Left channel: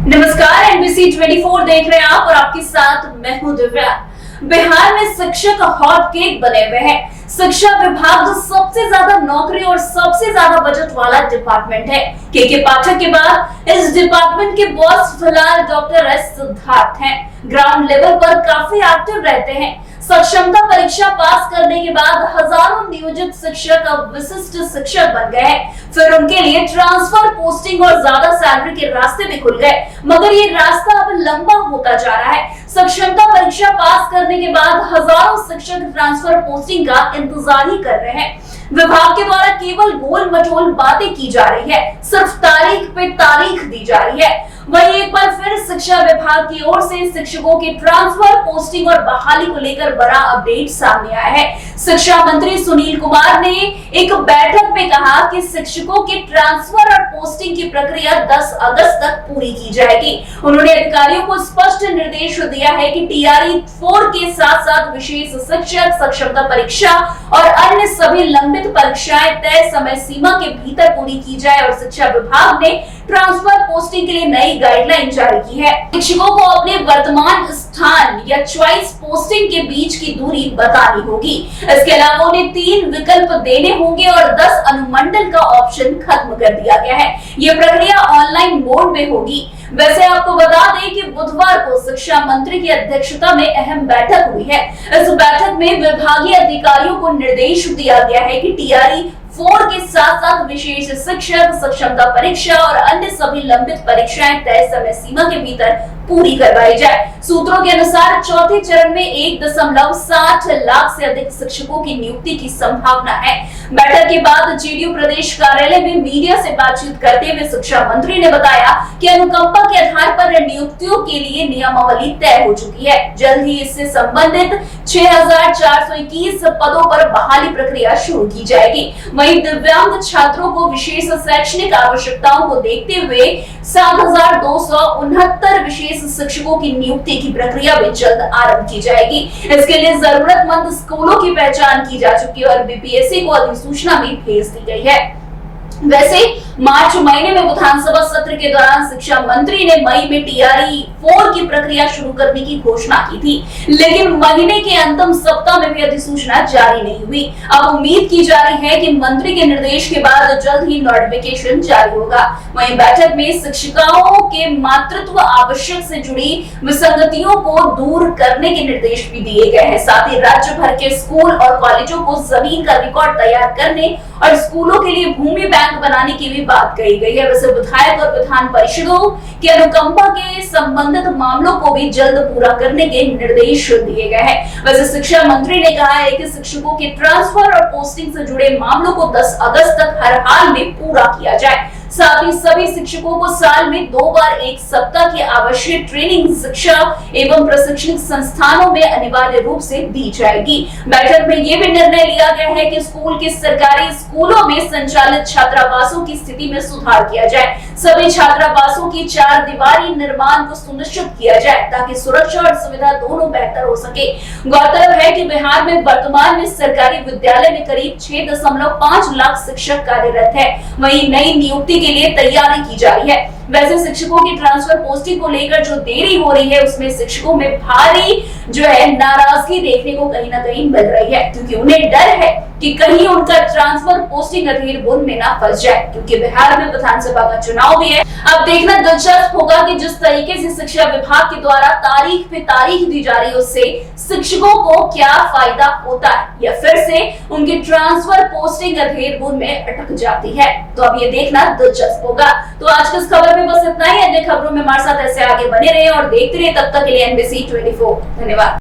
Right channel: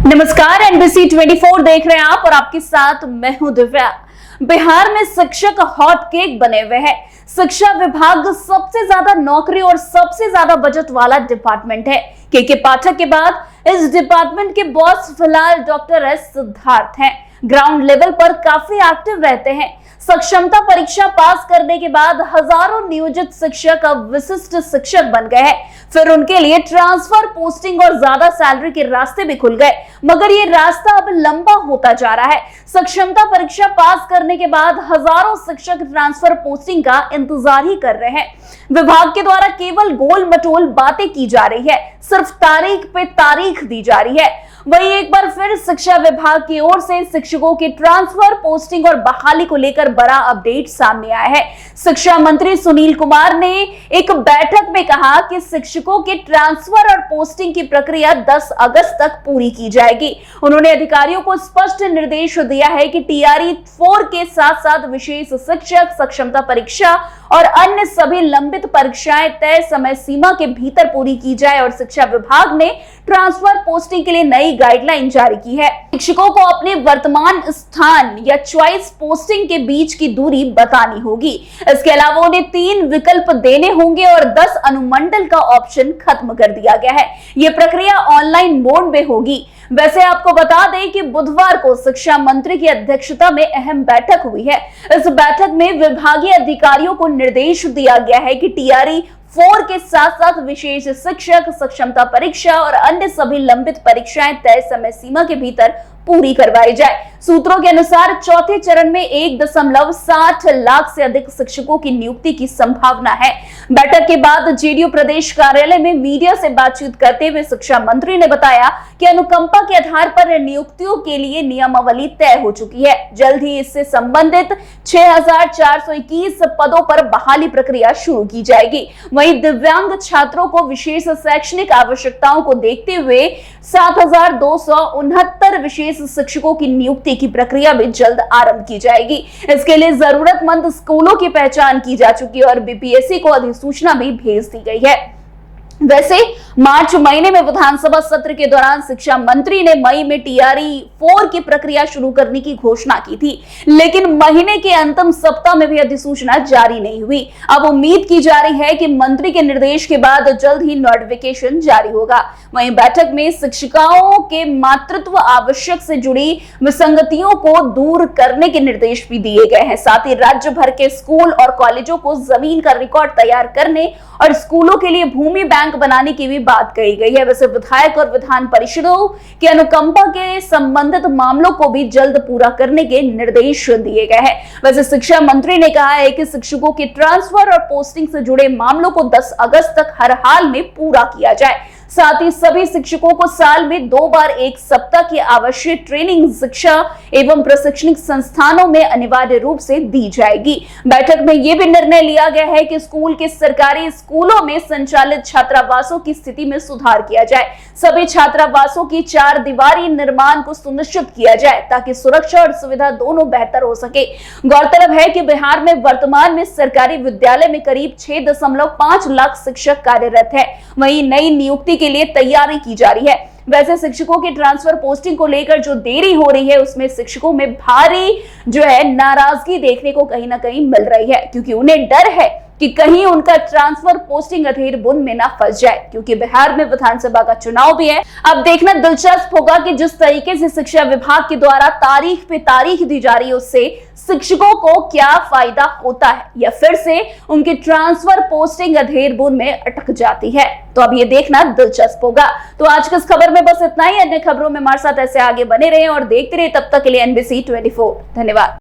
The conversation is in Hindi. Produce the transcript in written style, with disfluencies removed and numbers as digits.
नमस्कार, एनबीसी 24 देख रहे हैं आप और आपके साथ मैं हूं दिव्या। बिहार में शिक्षक हॉट केक बने हुए हैं। शिक्षा विभाग सबसे ज्यादा नौकरी और सबसे ज्यादा बजट वाला डिपार्टमेंट है। के पाठक के बाद इस डिपार्टमेंट के बॉस फिलहाल डॉक्टर एस सिद्धार्थ हैं। ग्राउंड लेवल पर काफी एक्टिव रहते हैं। सक्षमता परीक्षा पास करने के बाद हजारों नियोजित शिक्षक अब विशिष्ट शिक्षक बन गए हैं। फिर उनके लिए ट्रांसफर, पोस्टिंग और ज्यादा सैलरी के रास्ते भी खुल गए, मगर ये रास्ता अब लंबा होता जा रहा है। सक्षमता परीक्षा पास करने के बाद हजारों शिक्षक ट्रांसफर, पोस्टिंग का इंतजार ही कर रहे हैं। विभाग के द्वारा केवल गोल मटोल बातें की जा रही है, सिर्फ तारीख पे तारीख दी जा रही है। वहीं एक बार फिर शिक्षा विभाग की ओर से शिक्षकों के ट्रांसफर, पोस्टिंग और बहाली को लेकर बड़ा अपडेट सामने आया है। शिक्षा मंत्री सुनील कुमार ने एक बैठक में कहा कि शिक्षकों के ट्रांसफर और पोस्टिंग की प्रक्रिया 10 अगस्त तक पूरी की जाएगी। उन्होंने अधिकारियों को स्पष्ट निर्देश दिया है कि टीआरई 4 के साथ साथ विशेष शिक्षक, सक्षमता परीक्षा और अन्य सभी लंबित परीक्षाएं तय समय सीमा के भीतर पूरी की जाए। और शिक्षा विभाग ने ट्रांसफर, पोस्टिंग के लिए नई गाइडलाइन जारी की है। शिक्षकों को अपने वर्तमान स्थान या चॉइस पोस्टिंग के बीच की दूरी बतानी होगी। इसके अलावा उन्हें 3 विकल्प देने होंगे और 10 अनुमंडल का ऑप्शन खत्म कर दिया गया है। यह प्रक्रिया ऑनलाइन मोड में होगी। वैसे आपको बता दें कि बुधवार को शिक्षा मंत्री की अध्यक्षता में अहम बैठक हुई है। इस बैठक में विभागीय अधिकारियों को निर्देश दिया गया है कि टीआरई 4 के साथ साथ विशेष शिक्षक, सक्षमता परीक्षा और अन्य सभी लंबित परीक्षाएं तय समय सीमा के भीतर पूरी करवाई जाए। सूत्रों के अनुसार चौथे चरण में 1.60 लाख से अधिक शिक्षकों की नियुक्ति की संभावना है। बैठक के बाद जेडीयू प्रदेश कार्यालय में मीडिया से बातचीत करते हुए शिक्षा मंत्री ने बताया कि अनुकंपा के आधार पर नियुक्तियों के लिए नियमावली तय हो चुकी है। जल्द ही इससे संबंधित 6421 पदों पर बहाली प्रक्रिया शुरू की जाएगी। वहीं दिव्यांग छात्रों को विशेष शैक्षणिक आवश्यकताओं को देखते हुए 7269 विशेष शिक्षकों की नियुक्ति की प्रक्रिया भी जल्द आरंभ की जाएगी। इसके लिए जरूरतमंद स्कूलों की पहचान की जा चुकी है और बीपीएससी को अधिसूचना भी भेज दी गई है। वैसे मार्च महीने में विधानसभा सत्र के दौरान शिक्षा मंत्री ने मई में टीआरई 4 की प्रक्रिया शुरू करने की घोषणा की थी, लेकिन महीने के अंतिम सप्ताह में भी अधिसूचना जारी नहीं हुई। अब उम्मीद की जा रही है कि मंत्री के निर्देश के बाद जल्द ही नोटिफिकेशन जारी होगा। वहीं बैठक में शिक्षिकाओं के मातृत्व आवश्यक से जुड़ी विसंगतियों को दूर करने के निर्देश भी दिए गए हैं। साथ ही राज्य भर के स्कूल और कॉलेजों को जमीन का रिकॉर्ड तैयार करने और स्कूलों के लिए भूमि बैंक बनाने की भी बात कही गई है। वैसे विधायक और विधान परिषदों के अनुकंपा के संबंधित मामलों को भी जल्द पूरा करने के निर्देश दिए गए हैं। वैसे शिक्षा मंत्री ने कहा है कि शिक्षकों के ट्रांसफर और पोस्टिंग से जुड़े मामलों को 10 अगस्त तक हर हाल में पूरा किया जाए। साथ ही सभी शिक्षकों को साल में 2 बार 1 सप्ताह की आवश्यक ट्रेनिंग शिक्षा एवं प्रशिक्षण संस्थानों में अनिवार्य रूप से दी जाएगी। बैठक में यह भी निर्णय लिया गया है कि स्कूल के सरकारी स्कूलों में संचालित छात्रावासों की स्थिति में सुधार किया जाए। सभी छात्रावासों की 4 दीवारी निर्माण को सुनिश्चित किया जाए ताकि सुरक्षा और सुविधा दोनों बेहतर हो सके। गौरतलब है कि बिहार में वर्तमान में सरकारी विद्यालय में करीब 6.5 लाख शिक्षक कार्यरत है। वहीं नई नियुक्ति के लिए तैयारी की जा रही है। वैसे शिक्षकों की ट्रांसफर, पोस्टिंग को लेकर जो देरी हो रही है उसमें शिक्षकों में भारी नाराजगी देखने को कहीं ना कहीं मिल रही है, क्योंकि उन्हें डर है कि कहीं उनका ट्रांसफर, पोस्टिंग अधीर बुन में ना फंस जाए, क्योंकि बिहार में विधानसभा का चुनाव भी है। अब देखना दिलचस्प होगा कि जिस तरीके से शिक्षा विभाग के द्वारा तारीख पे तारीख दी जा रही है उससे शिक्षकों को क्या फायदा होता है या फिर से उनकी ट्रांसफर, पोस्टिंग अधीर बुन में अटक जाती है। तो अब ये देखना दिलचस्प होगा। तो आज की इस खबर में बस इतना ही। अन्य खबरों में हमारे साथ ऐसे आगे बने रहे और देखते रहे। तब तक के लिए एनबीसी 24। धन्यवाद।